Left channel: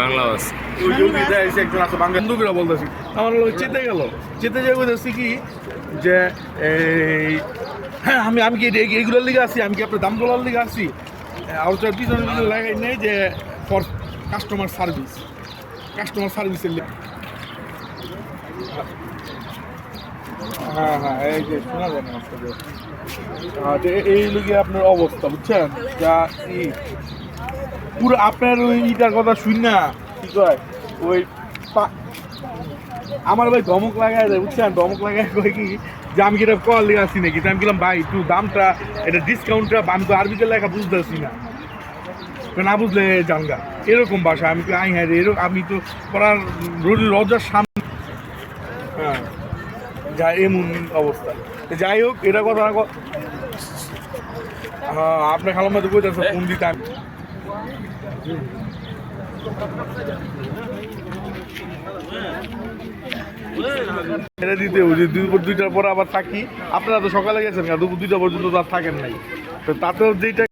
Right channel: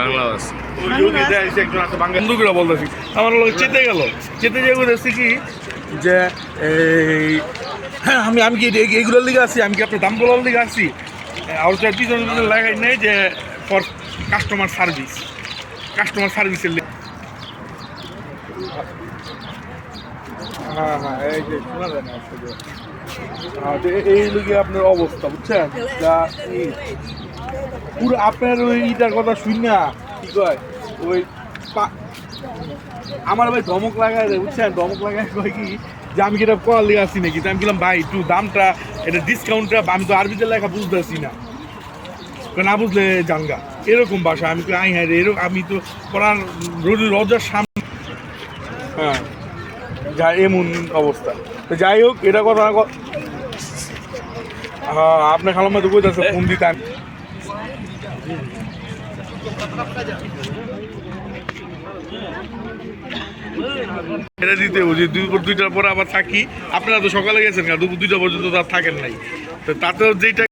বাংলা বাস একজন আছে বন্ধুগুলো বলতেছি আমার লোক চেতে গেল চেতে যে বলতেছি কি যে আমি আমি কি এইগুলোর লিগে আছি আমি কি আপনার দাম বলার লিগে আছি আর পিছনে পিছনে লাগাই নেই যে ফর কাস্টমার সার্ভিসের লিগে হ্যাঁ হ্যাঁ এই যে শোনা যায় না এই লিগে আপনার অবস্থা বুঝছেন যা পুরো আপনার ওই ইটার কথা শুন না কি কয় ওই আমার ভাই ধমক লাগায় রে বুঝছেন ধমক লাগায় কয় কি যে আমি কি এটা কল লিগে আসি নাকি আমি বললাম ভাই একটু দামটা এটা ডিসকাউন্টটা আমি তো আরবিতে লেখা বুঝতেছি না না বুঝলে জানগা এরকম ভাষা আমি তো হ্যাঁ রে এরকম আমি তো পড়ার রোজার সামনে হ্যাঁ যা এমন অবস্থা তো যাই হোক এটা কথা হ্যাঁ আপনার খালাম তো কইতেছে ফোন দিতাম এটা দিতে বুঝি দুপুর 2টার পরে আবার থাকি আপনারা তো সকালে গেছেন দুপুর 2টা পর্যন্ত তো আর থাকেন নাই তো তাতেও যেটা